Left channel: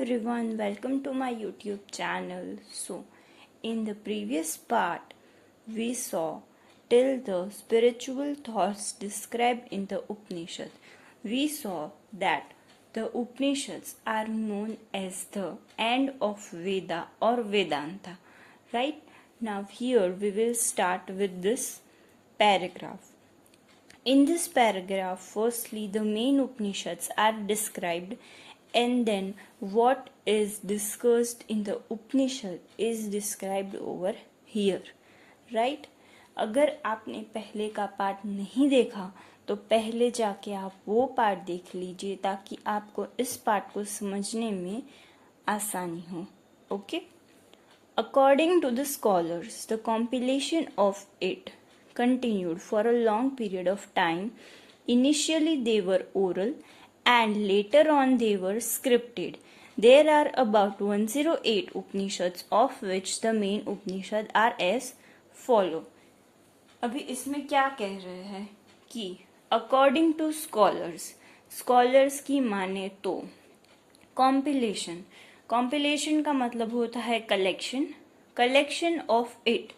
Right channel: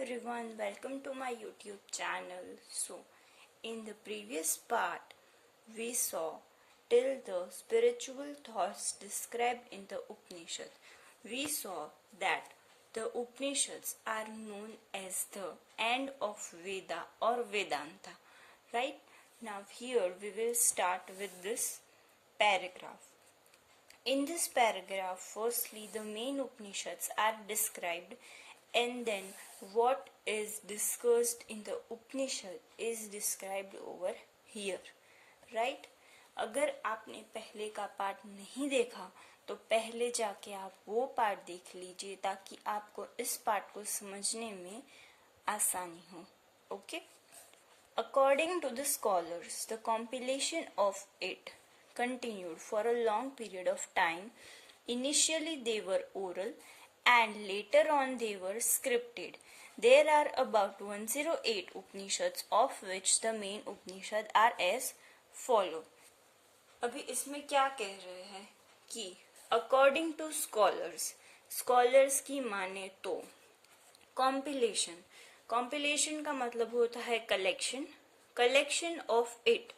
everyone, welcome to my YouTube channel. So, in the previous part, we saw till the spiritual thoughts described in the Upanishad. We saw that the Upanishads are known as the end of Veda or Vedanta. Right? Now, here we will start with this paragraph. In this paragraph, firstly, the main Upanishads are described, and then what is discussed in the Upanishad is described over here. Right? अगर आपने पहले का part नहीं देखा तो पहले जाके आप वो पार्ट देख लीजिए ताकि आपको इस पार्ट को समझने में आसानी हो. Okay? According to the scholars, the compilation of it continued for a long period of time. Initially they were oral and later on they were scripted. There are about 108 Upanishads, of which the main Upanishads are as follow. अभी इसमें क्या कह रहे हैं कि according to scholars की माने तो compilation का मतलब होता है कलेक्शन ऑफ इट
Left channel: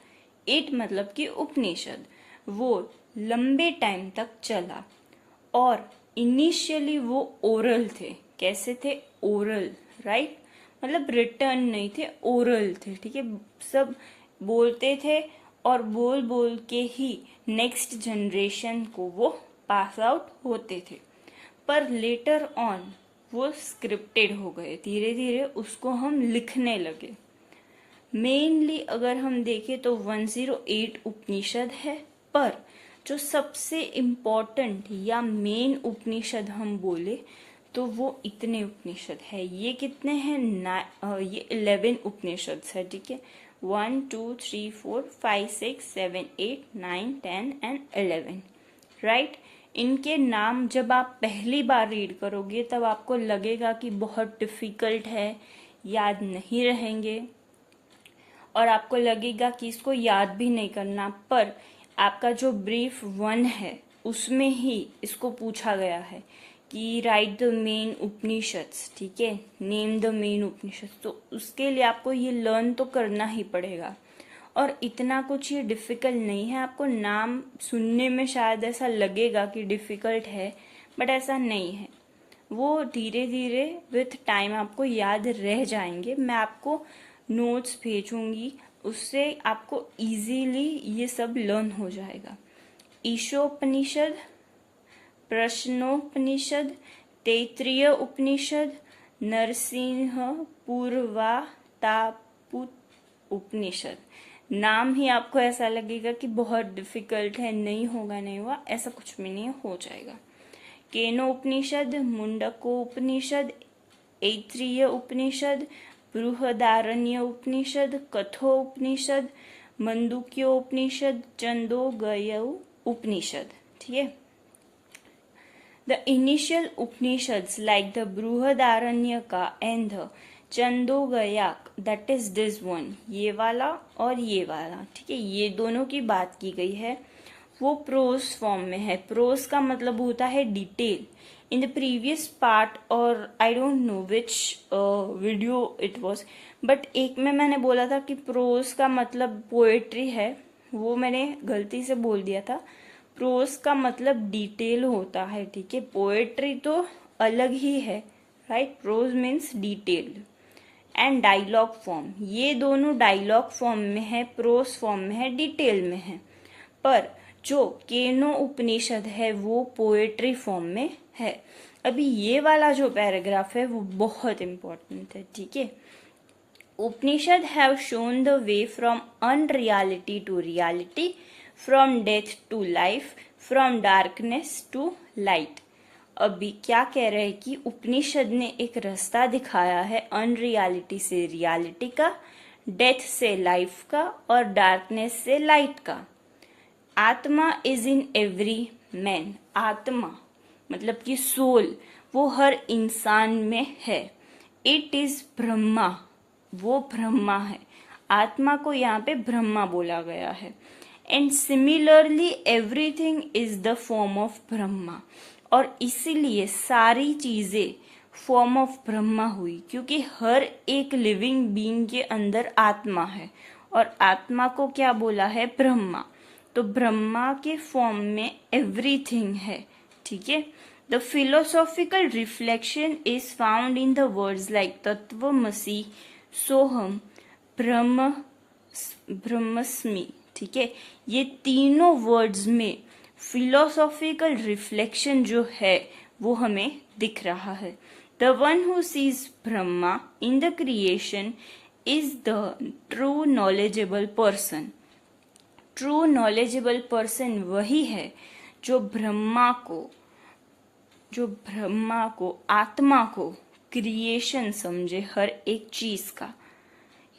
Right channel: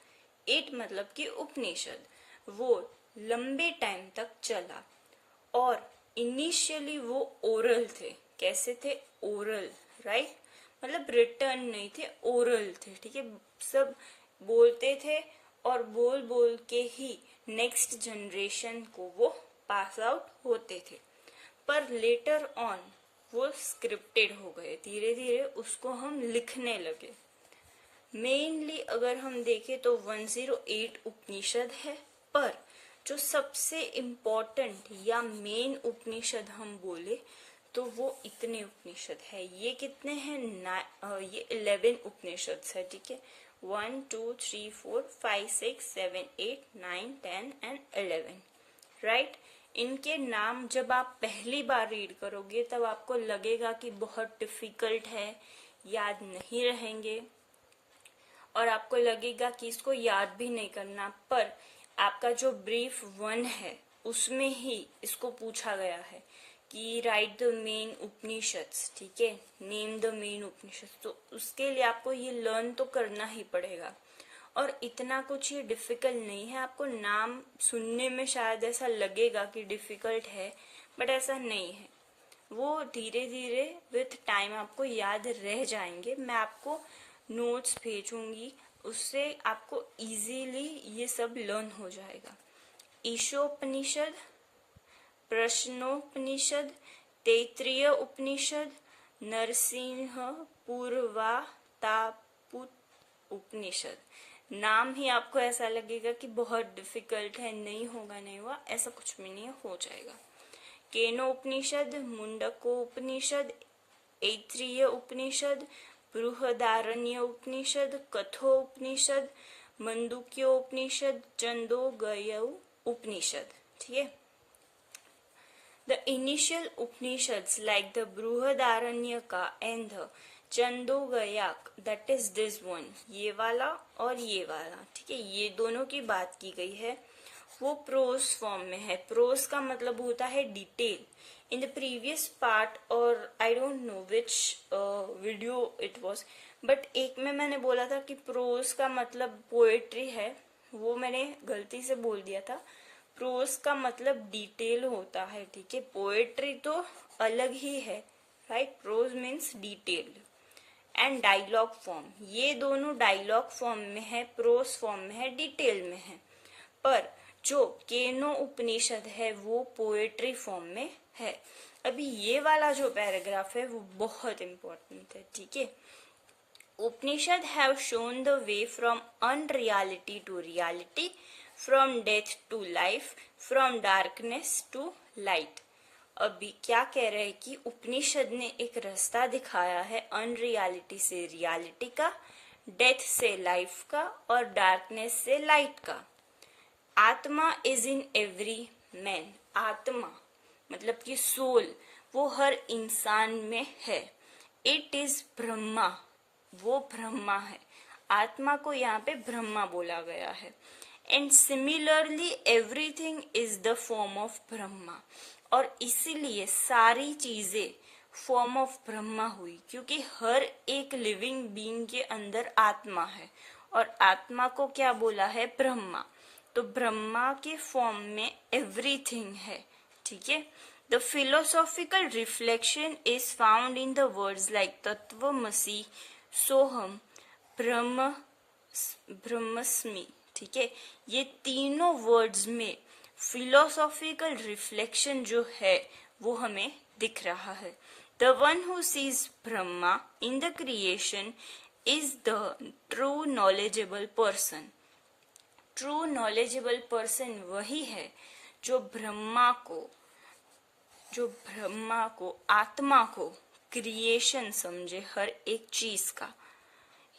मतलब कि उपनिषद वो लंबे टाइम तक चला और इनिशियली वो ओरल थे. कैसे थे? ओरल. राइट? मतलब रिटर्न नहीं थे, ओरल थे. ठीक है, सब बोलते थे और बोल के ही नेक्स्ट जनरेशन को वो पास आउट होते थे. पर लेटर ऑन वो स्क्रिप्टेड हो गए. धीरे धीरे उसको हम लिखने लगे. मेनली अगर हम देखें तो 108 उपनिषद है, पर जो सबसे इम्पोर्टेंट या मेन उपनिषद हम बोले तो वो इतने उपनिषद है. ये कितने हैं? ये 11 उपनिषद है. ठीक है, 1 2 3 4 5 6 7 8 9 10 एंड 11. राइट? इनके नाम जब आप पहली बार रीड करोगे तब आपको लगेगा कि बहुत डिफिकल्ट है, याद नहीं रहेंगे और आपको लगेगा कि इसको याद भी नहीं करना. पर आपका जो ब्रीफ 1 है उसमें ही इसको पूछा गया है कि राइट द मेन उपनिषद्स. ठीक है, नेम द मेन उपनिषद्स. तो उसके लिए आपको ये लर्न तो करना ही पड़ेगा और इतना कुछ ये डिफिकल्ट नहीं है. आपको नाम सुनने में शायद ऐसा लगेगा कि डिफिकल्ट है, बट ऐसा नहीं है. वो धीरे धीरे विथ टाइम आपको याद रह जाएंगे. मैं आपको नोट्स भेजूंगी, उससे आपको इजीली ये सब लर्न हो जाएगा. ईशोपनिषद, प्रश्नोपनिषद, तैत्तिरीय उपनिषद, नरसिंह पूर्वातापुत उपनिषद. नाम ही आपको ऐसा लगेगा कि बहुत डिफिकल्ट है. नहीं होगा, ऐसा कुछ भी नहीं, हो जाएगा. केनो उपनिषद, मुंडको उपनिषद, ऐत्तिरीय उपनिषद, बृहदारण्य उपनिषद, कठो उपनिषद, मंडूक्यो उपनिषद, छंदोगय उपनिषद. ठीक है. The initial Upanishads like the Brihadaranyaka and the Chandogyak, that is this one, ये वाला और ये वाला. ठीक है, ये दोनों की बात की गई है. वो प्रोज फॉर्म में है. प्रोज का मतलब होता है detail. In the previous part और I don't know which video it was, but एक में मैंने बोला था कि प्रोज का मतलब पोएट्री है. वो मैंने गलती से बोल दिया था. प्रोज का मतलब डिटेल होता है. ठीक है, पोएट्री तो अलग ही है. Right? Prose means detailed. And dialogue form, ये दोनों डायलॉग फॉर्म में है, प्रोज फॉर्म में है, डिटेल में है. पर जो केनो उपनिषद है वो पोएट्री फॉर्म में है. अभी ये वाला जो पैराग्राफ है वो बहुत इंपॉर्टेंट है. ठीक है. Upanishad have shown the way from unreality to reality, from death to life, from darkness to light. अभी क्या कह रहे हैं कि उपनिषद ने एक रास्ता दिखाया है अनरियलिटी से रियलिटी का, डेथ से लाइफ का और डार्कनेस से लाइट का. आत्मा इज इन एवरी मैन. आत्मा मतलब कि सोल वो हर इंसान में है. इट इज ब्रह्मा, वो ब्रह्मा है. आत्मा को यहाँ पे ब्रह्मा बोला गया है. And similarly everything is the form of Brahma. और इसीलिए सारी चीजें फॉर्म ऑफ ब्रह्मा हुई, क्योंकि हर एक लिविंग बीइंग के अंदर आत्मा है और आत्मा को क्या बोला है? ब्रह्मा। तो ब्रह्मा के फॉर्म में एवरीथिंग है, ठीक है। The philosophical reflection is found in the words like tatvamasi, soham, brahmasmi, ठीक है। ये तीनों वर्ड्स में फिलोसॉफिकल रिफ्लेक्शन जो है वो हमें दिख रहा है। The one who seize Brahma in the creation is the true knowledgeable person. True knowledgeable person वही है जो ब्रह्मा को आत्मा को क्रिएशन समझे, हर एक चीज का।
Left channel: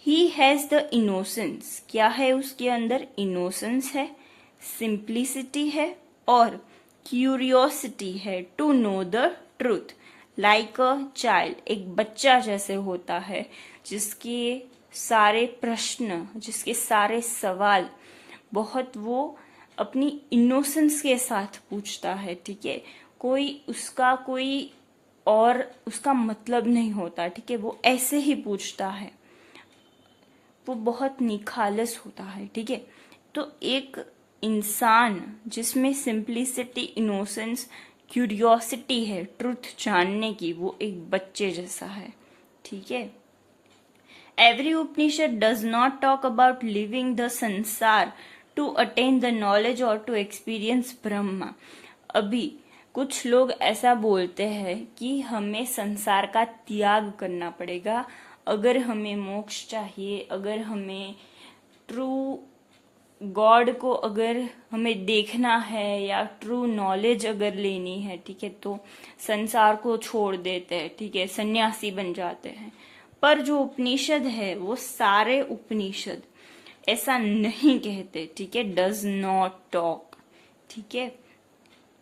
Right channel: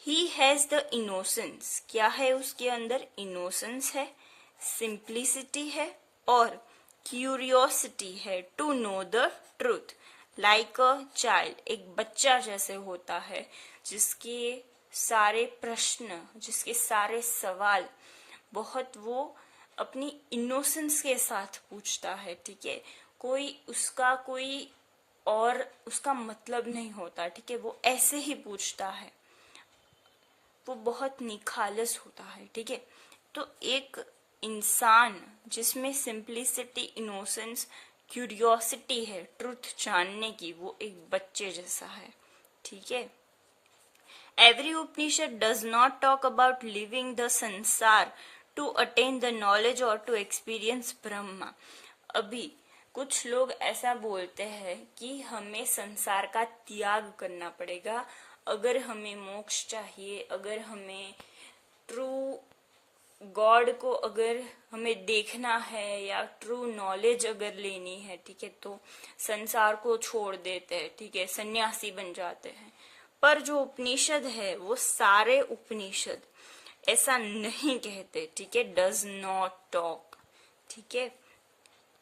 ही हैज द इनोसेंस, क्या है उसके अंदर? इनोसेंस है, सिंप्लिसिटी है और क्यूरियोसिटी है to know the truth. Like a child, एक बच्चा जैसे होता है जिसके सारे प्रश्न, जिसके सारे सवाल बहुत वो अपनी इनोसेंस के साथ पूछता है, ठीक है। कोई और उसका मतलब नहीं होता, ठीक है। वो ऐसे ही पूछता है, वो बहुत निखालस होता है, ठीक है। तो एक इंसान जिसमें सिंप्लिसिटी, इनोसेंस, क्यूरियोसिटी है ट्रुथ जानने की, वो एक बच्चे जैसा है, ठीक है। Every Upanishad does not talk about living the संसार टू अटेन द नॉलेज और टू एक्सपीरियंस ब्रह्मा। अभी कुछ लोग ऐसा बोलते हैं कि हमें संसार का त्याग करना पड़ेगा अगर हमें मोक्ष चाहिए, अगर हमें ट्रू गॉड को अगर हमें देखना है या ट्रू नॉलेज अगर लेनी है, ठीक है, तो संसार को छोड़ देते हैं, ठीक है, सन्यासी बन जाते हैं। पर जो उपनिषद है वो सारे उपनिषद ऐसा नहीं कहते, ठीक है। डज नॉट टॉक, ठीक है।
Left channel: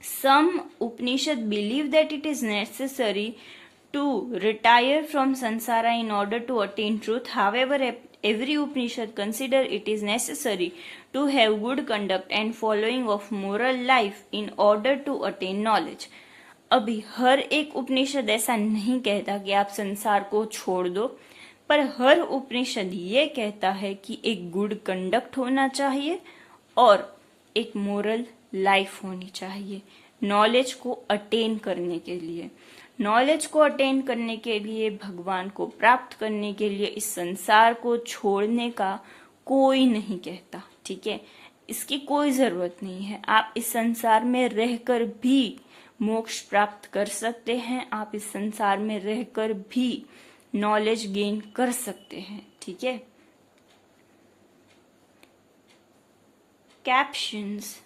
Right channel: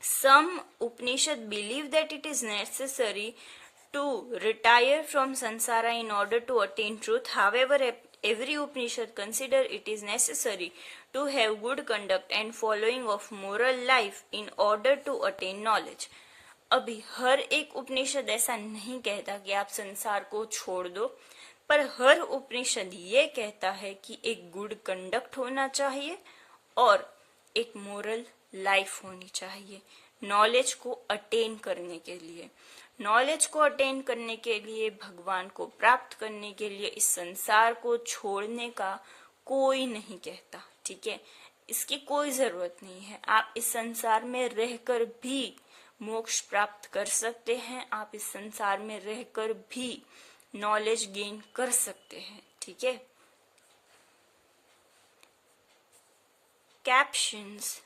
Some Upanishad believe that it is necessary to retire from samsara in order to attain truth. However, every Upanishad consider it is necessary to have good conduct and following of moral life in order to attain knowledge. अभी हर एक उपनिषद ऐसा नहीं कहता कि आप संसार को छोड़ दो, पर हर उपनिषद ये कहता है कि एक गुड कंडक्ट होना चाहिए और एक मोरल लाइफ होनी चाहिए नॉलेज को अटेन करने के लिए। नॉलेज को अटेन करने के लिए, भगवान को प्राप्त करने के लिए इस संसार को छोड़ने का कोई नहीं कहता, ठीक है। इसकी कोई जरूरत नहीं है। आप इस संसार में रहकर भी मोक्ष प्राप्त कर सकते हैं, आप इस संसार में रहकर भी नॉलेज गेन कर सकते हैं, ठीक है। Captions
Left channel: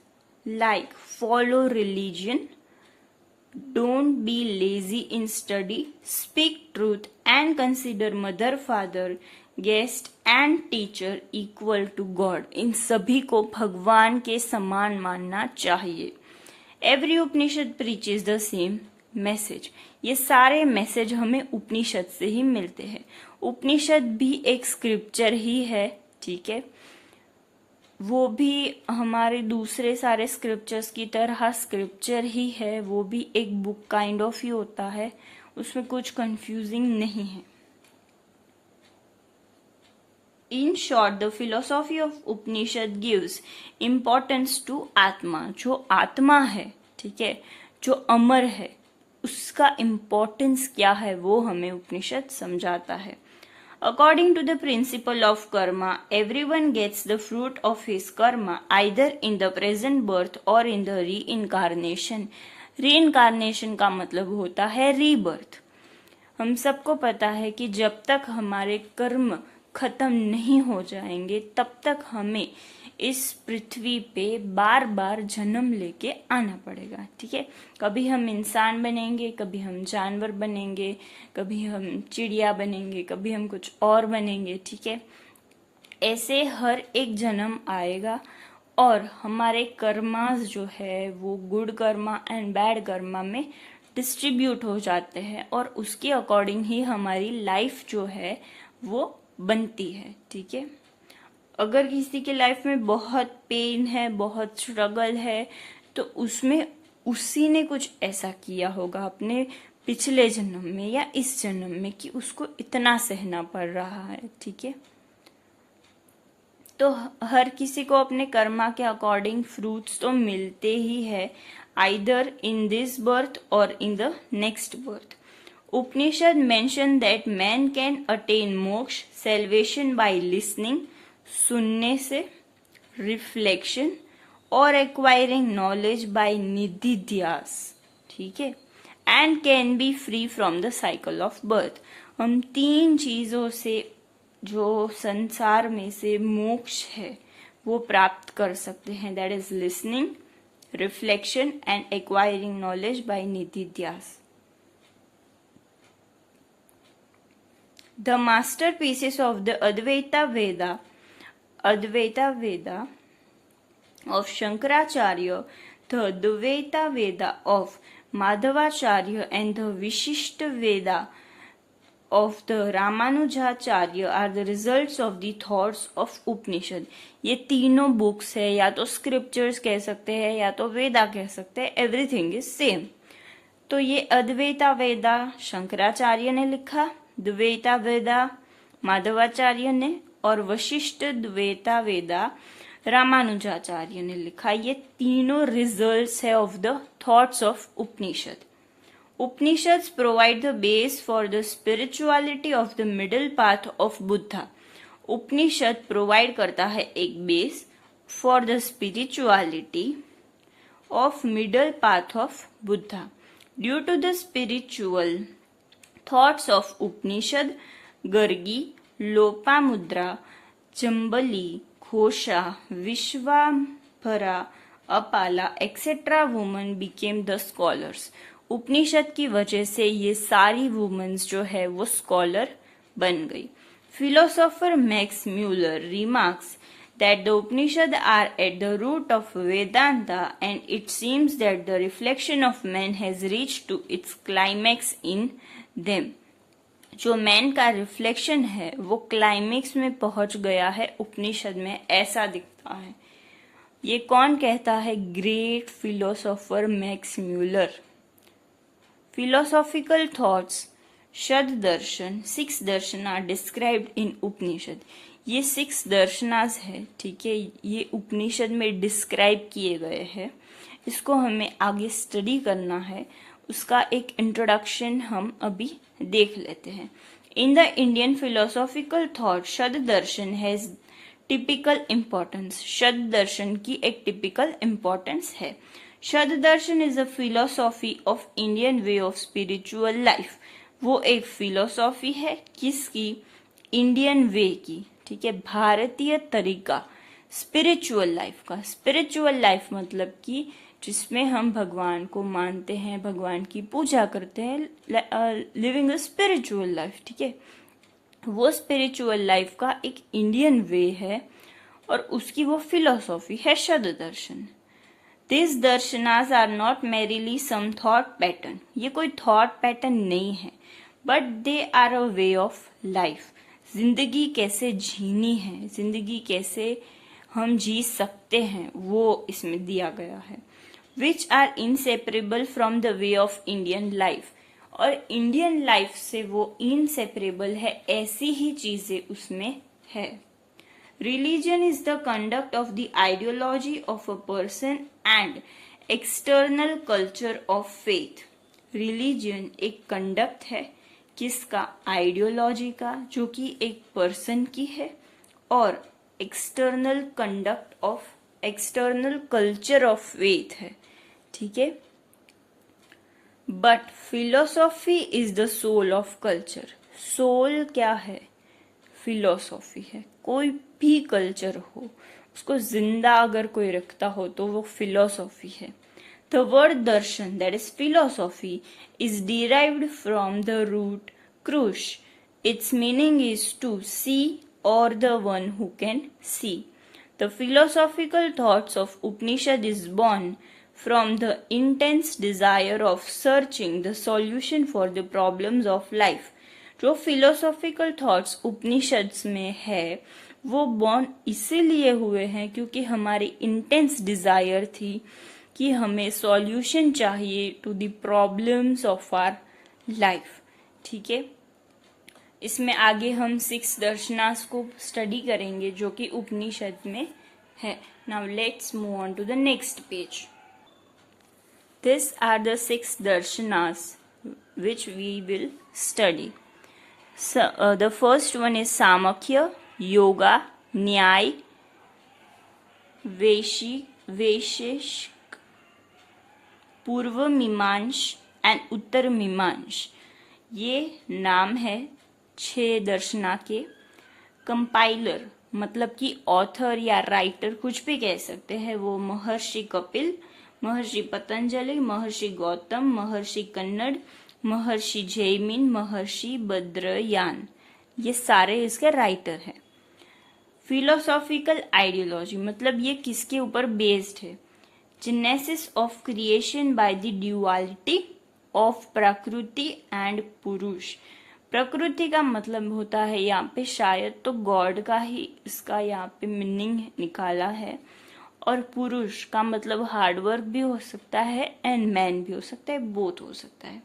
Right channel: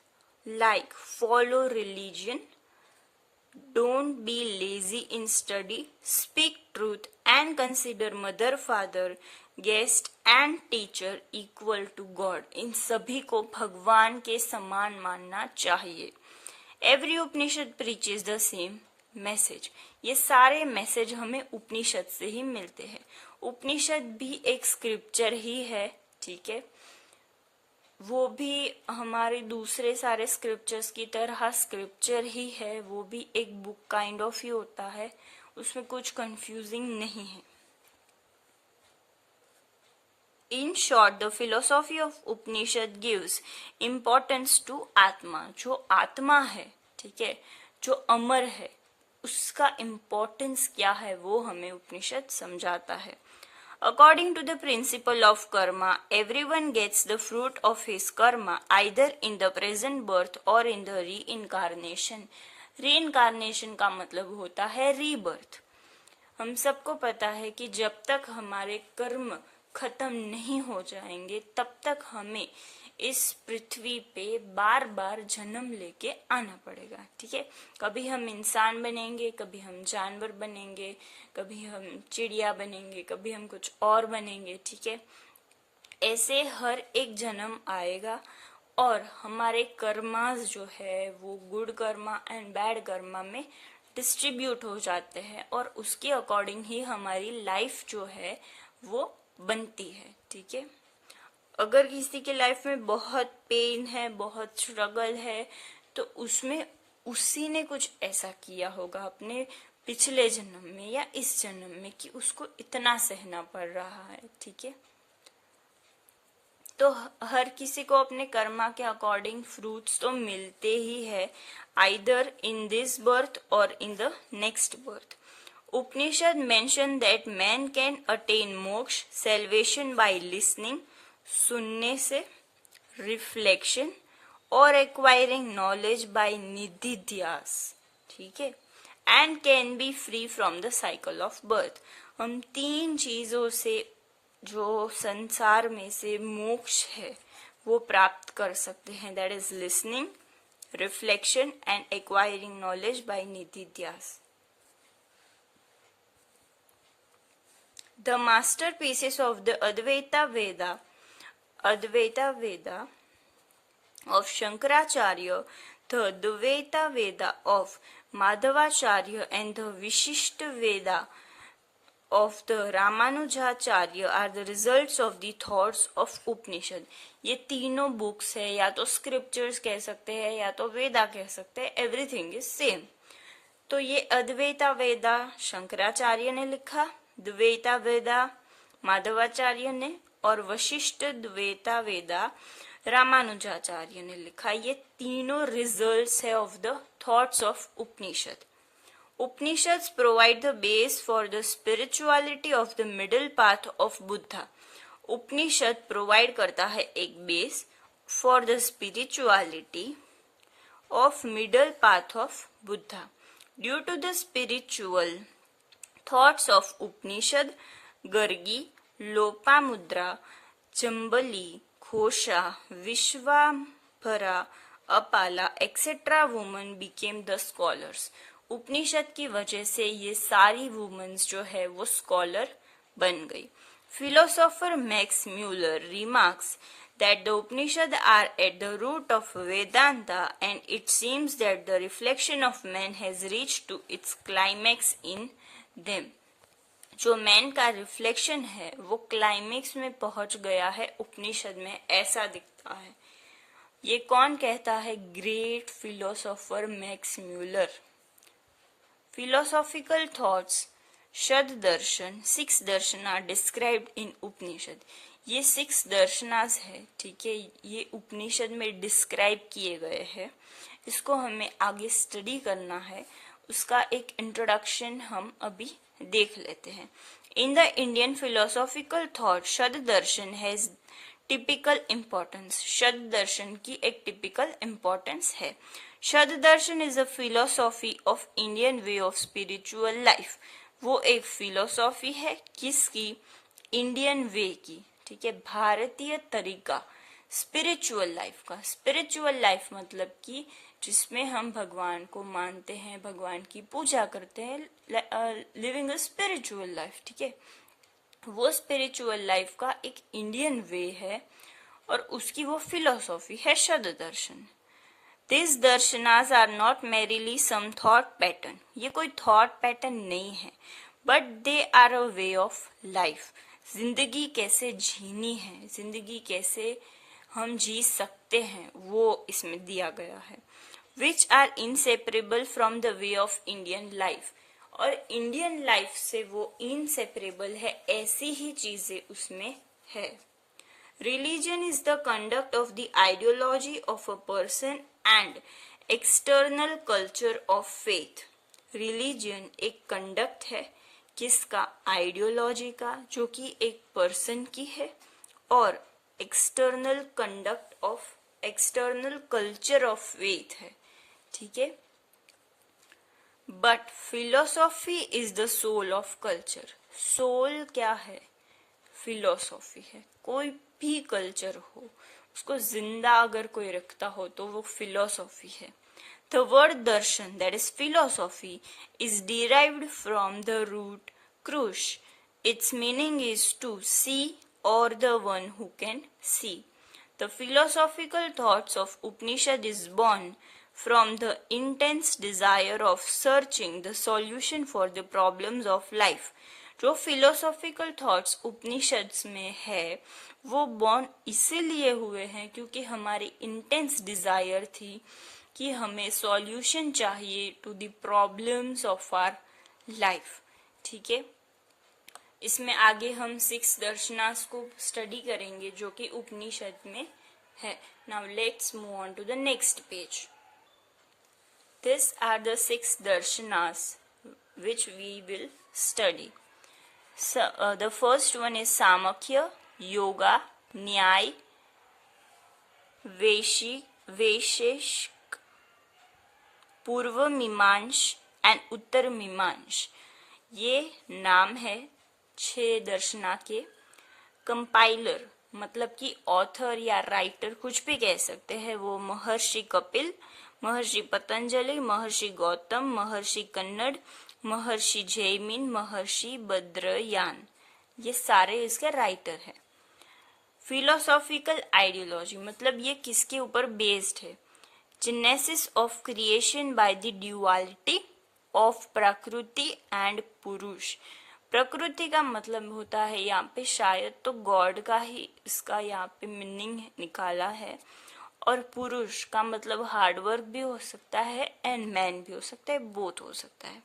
like follow religion, don't be lazy in study, speak truth and consider mother, father, guest and teacher equal to God. इन सभी को भगवान के समान मानना चाहिए। Every Upanishad preaches the same message. ये सारे मैसेज हमें उपनिषद से ही मिलते हैं। उपनिषद भी एक स्क्रिप्चर ही है, ठीक है। वो भी हमारे दूसरे सारे स्क्रिप्चर्स की तरह स्क्रिप्चर ही है, वो भी एक बुक काइंड ऑफ ही होता है, उसमें कुछ कंफ्यूजिंग नहीं है। In short, the philosophy of Upanishad gives importance to atma. जो आत्मा है, ठीक है, जो अमर है, उसका इम्पोर्टेंस क्या है वो हमें उपनिषद समझाता है। According to the principle of karma, everyone gets the fruit of his karma either in the present birth or in the reincarnation. Reincarnation का मतलब होता है रीबर्थ। हम सबको पता है कि जब तक हमारे कर्म खत्म नहीं हो जाएंगे तब तक हमें इस पृथ्वी पे बार बार जन्म लेके आना पड़ेगा, ठीक है। कभी हम इंसान बनेंगे, कभी हम जानवर बनेंगे, कभी हम चिड़िया बनेंगे, कभी हम कुछ और बनेंगे, ठीक है। ऐसे हर एक जन्म आएगा और हमारे कर्मास जो है वो good Karma and bad Karma में डिस्ट्रीब्यूट हो जाते हैं और उसके अकॉर्डिंग ही हमारी लाइफ जो है वो बनती है, ठीक है। अगर किसी की लाइफ में बहुत पेन है, बहुत स्ट्रगल है, तो उसमें उसी ने कुछ ऐसा किया होगा, अपने पिछले जन्म में या इस जन्म में कि उसको इतना सहना पड़ रहा है, ठीक है। तो हर किसी को अपने कर्मा के अकॉर्डिंग फ्रूट्स तो मिलते ही है, आइदर इन दिस बर्थ और इन the next birth. Upanishad mention that man can attain मोक्ष सेल्वेशन बाय लिसनिंग, सुनने से, रिफ्लेक्शन और एक्वायरिंग नॉलेज बाय निधिध्यास, ठीक है, and can be free from the cycle of birth. हम 3 चीजों से जो संसार में से मोक्ष है वो प्राप्त कर सकते हैं, that is listening, reflection and acquiring knowledge by nididhyasa. The masterpieces of the Advaita Veda of Shankaracharya, the Advaita Veda of Madhavacharya and the Vishishta Veda of the Ramanujacharya are the results of the thoughts of Upanishad. ये तीनों books है, या तो scriptures कह सकते हैं या तो वेदा कह सकते हैं, एवरीथिंग इज सेम। तो ये अद्वैता वेदा शंकराचार्य ने लिखा, द्वैता वेदा माधवाचार्य ने, और वशिष्ठ द्वैता वेदा रामानुजाचार्य ने लिखा। ये तीनों रिजल्ट्स है of the thoughts of Upanishad. Upanishads provide the base for the spirituality of the middle path of Buddha. Upanishad provide करता है एक base for the spirituality of middle path of Buddha. Due to the spiritual thoughts of Upanishad, Gargi, Lopamudra, Chambali, Ghosha, Vishvavara, Apala etcetera woman became the scholars. Upanishad की वजह से ये सारी women's जो है वो स्कॉलर बन गई। Philosopher Max Muller remarks that the Upanishad are at the root of Vedanta, and it seems that the reflection of man has reached to its climax in them. जो मैन का reflection है वो climax में पहुंच गया है उपनिषद में, ऐसा दिखता है। ये कौन कहता है? Great philosopher Max Muller. Philosophical thoughts, shad darshan, 6 darshan are described in Upanishad. ये 6 दर्शनास है, ठीक है, ये उपनिषद में डिस्क्राइब किए गए हैं। इसको हमें आगे स्टडी करना है, उसका एक इंट्रोडक्शन हम अभी देख लेते हैं। In the Indian philosophical thought shad darshan has typical importance. Shad darshan की एक टिपिकल इम्पोर्टेंस है। Shad darshan is a philosophy of Indian way of spiritual life. वो एक फिलोसॉफी है किसकी? इंडियन वे की, ठीक है, भारतीय तरीका स्पिरिचुअल लाइफ का। स्पिरिचुअल लाइफ मतलब कि जिसमें हम भगवान को मानते हैं, भगवान की पूजा करते हैं, लिविंग अ स्पिरिचुअल लाइफ, ठीक है, वो स्पिरिचुअल लाइफ का एक इंडियन वे है और उसकी वो फिलोसॉफी है shad darshan. This darshanas are not merely some thought pattern. ये कोई थॉट पैटर्न नहीं है, but they are a way of life. जिंदगी कैसे जीनी है, जिंदगी कैसे हम जी सकते हैं, वो इसमें दिया गया है। Which are inseparable from the way of Indian life. और इंडियन लाइफ से वो इनसेपरेबल है, ऐसी ही चीजें उसमें है। Religion is the conduct of the ideology of a person and external culture of faith. Religion एक कंडक्ट है किसका? आइडियोलॉजी का, जो कि एक पर्सन की है, और external conduct of external culture of faith है, ठीक है। But philosophy is the soul of culture. Soul क्या है? फिलोसॉफी है। कोई भी कल्चर हो, उसको जिंदा अगर कोई रखता हो तो वो फिलोसॉफी है। The word darshan, that is philosophy, is derived from the root krush. Its meaning is to see or the one who can see. The philosophical thoughts of Upanishad is born from the intense desire of searching the solution for the problems of life. जो philosophical thoughts Upanishads में है वो born इसीलिए हुए हैं क्योंकि हमारी intense Dzire थी कि हमें सॉल्यूशन चाहिए to the problems of our life. ठीक है, इसमें आगे हम 6 दर्शनास को स्टडी करेंगे जो कि उपनिषद में है। Now let's move on to the next page. These are the 6 darshanas which we will study. So, the first one is Samakhya, Yoga, Nyay, Vaisheshik, Purva Mimansh and Uttar Mimansh. ये नाम है 6 दर्शना के। Compiler मतलब कि author या writer कुछ भी कह सकते हैं, वो महर्षि कपिल, महर्षि पतंजलि, महर्षि गौतम, महर्षि कन्नड़, महर्षि जैमिन, महर्षि बद्रयान, ये सारे इसके राइटर हैं। फिलोसॉफिकल आइडियोलॉजी मतलब ये किसके ऊपर बेस्ड है? Genesis of creation by the duality of प्रकृति एंड पुरुष। प्रकृति का मतलब होता है यहाँ पे शायद तो गॉड का ही इसका यहाँ पे मीनिंग निकाला है, और पुरुष का मतलब हार्डवर्क भी हो सकता है एंड मैन भी हो सकता है, बोथ हो सकता है।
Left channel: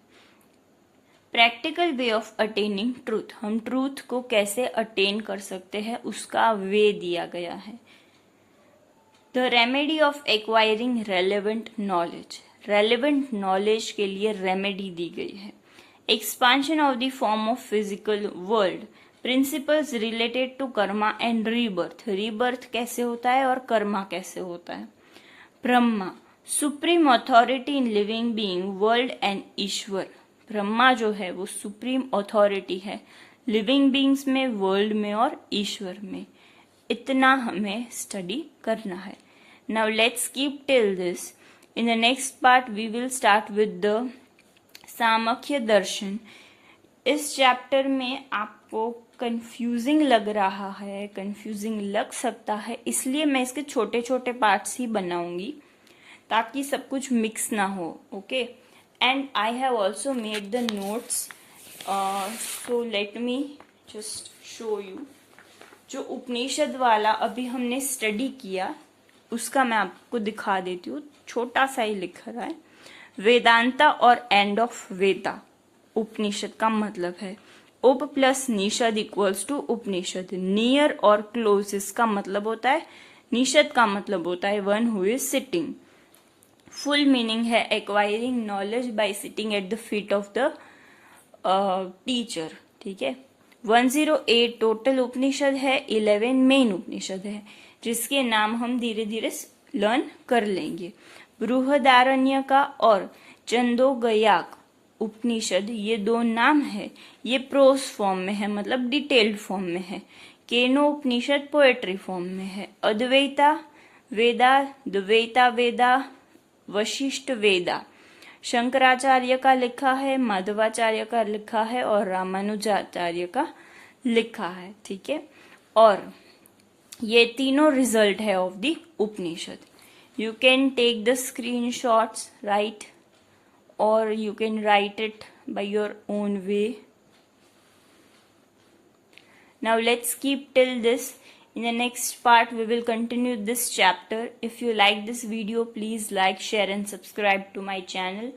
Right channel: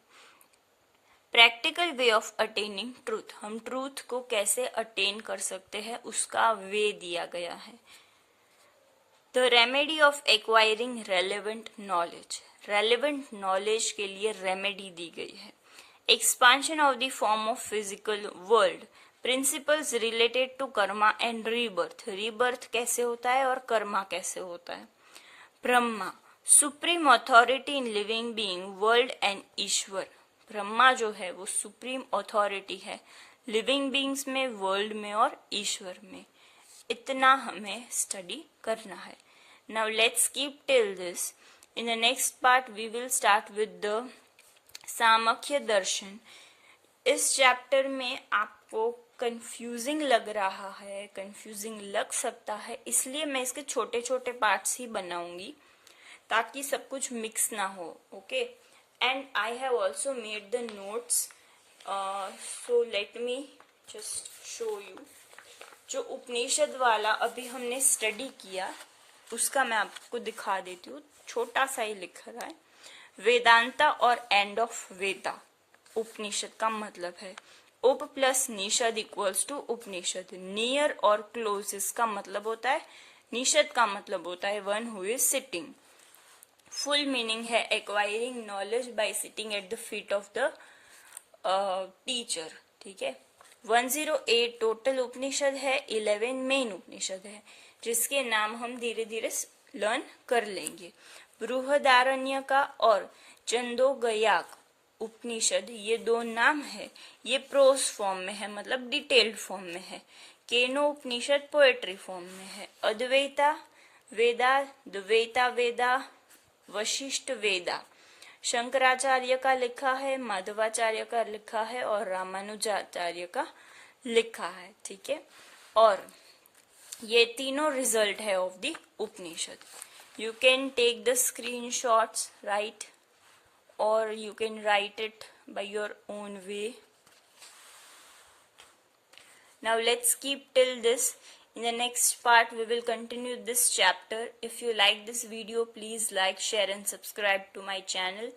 Practical way of attaining truth, हम ट्रूथ को कैसे अटेन कर सकते हैं उसका वे दिया गया है। The remedy of acquiring relevant knowledge, relevant knowledge के लिए रेमेडी दी गई है। Expansion of the form of physical world, principles related to karma and rebirth, rebirth कैसे होता है और कर्मा कैसे होता है। Brahma, supreme authority in living being, world and Ishwar, Brahma जो है वो सुप्रीम अथॉरिटी है लिविंग बीइंग्स में, वर्ल्ड में और ईश्वर में। इतना हमें स्टडी करना है। Now let's keep till this. In the next part we will start with the Samkhya darshan. इस चैप्टर में आपको कंफ्यूजिंग लग रहा है, कंफ्यूजिंग लग सकता है, इसलिए मैं इसके छोटे छोटे पार्ट्स ही बनाऊंगी ताकि सब कुछ मिक्स ना हो। Okay, and I have also made the notes, so let me just show you. जो उपनिषद वाला अभी हमने स्टडी किया उसका मैं आपको दिखा देती हूँ, छोटा सा ही लिख रहा है। वेदांता और एंड ऑफ वेदा उपनिषद का मतलब है। उप प्लस निषद इक्वल्स टू उपनिषद। नियर और क्लोज इसका मतलब होता है, निषद का मतलब होता है one who is sitting. Full meaning है acquiring knowledge by sitting at the feet of the teacher. ठीक है, 108 टोटल उपनिषद है, 11 मेन उपनिषद है जिसके नाम हम धीरे धीरे लर्न कर लेंगे। बृहदारण्यका और छंदोगयाक उपनिषद, ये 2 नाम है, ये प्रोस फॉर्म में है मतलब डिटेल्ड फॉर्म में है। केनो उपनिषद पोएट्री फॉर्म में है। अद्वैता वेदा, द्वैता वेदा, वशिष्ठ वेदा शंकराचार्य का लिखा है, माधवाचार्य का लिखा है और रामानुजाचार्य का लिखा है। ठीक है, और ये तीनों रिजल्ट है of the Upanishad. You can take the screenshots, right, or you can write it by your own way. Now let's keep till this. In the next part we will continue this chapter. If you like this video, please like, share and subscribe to my channel.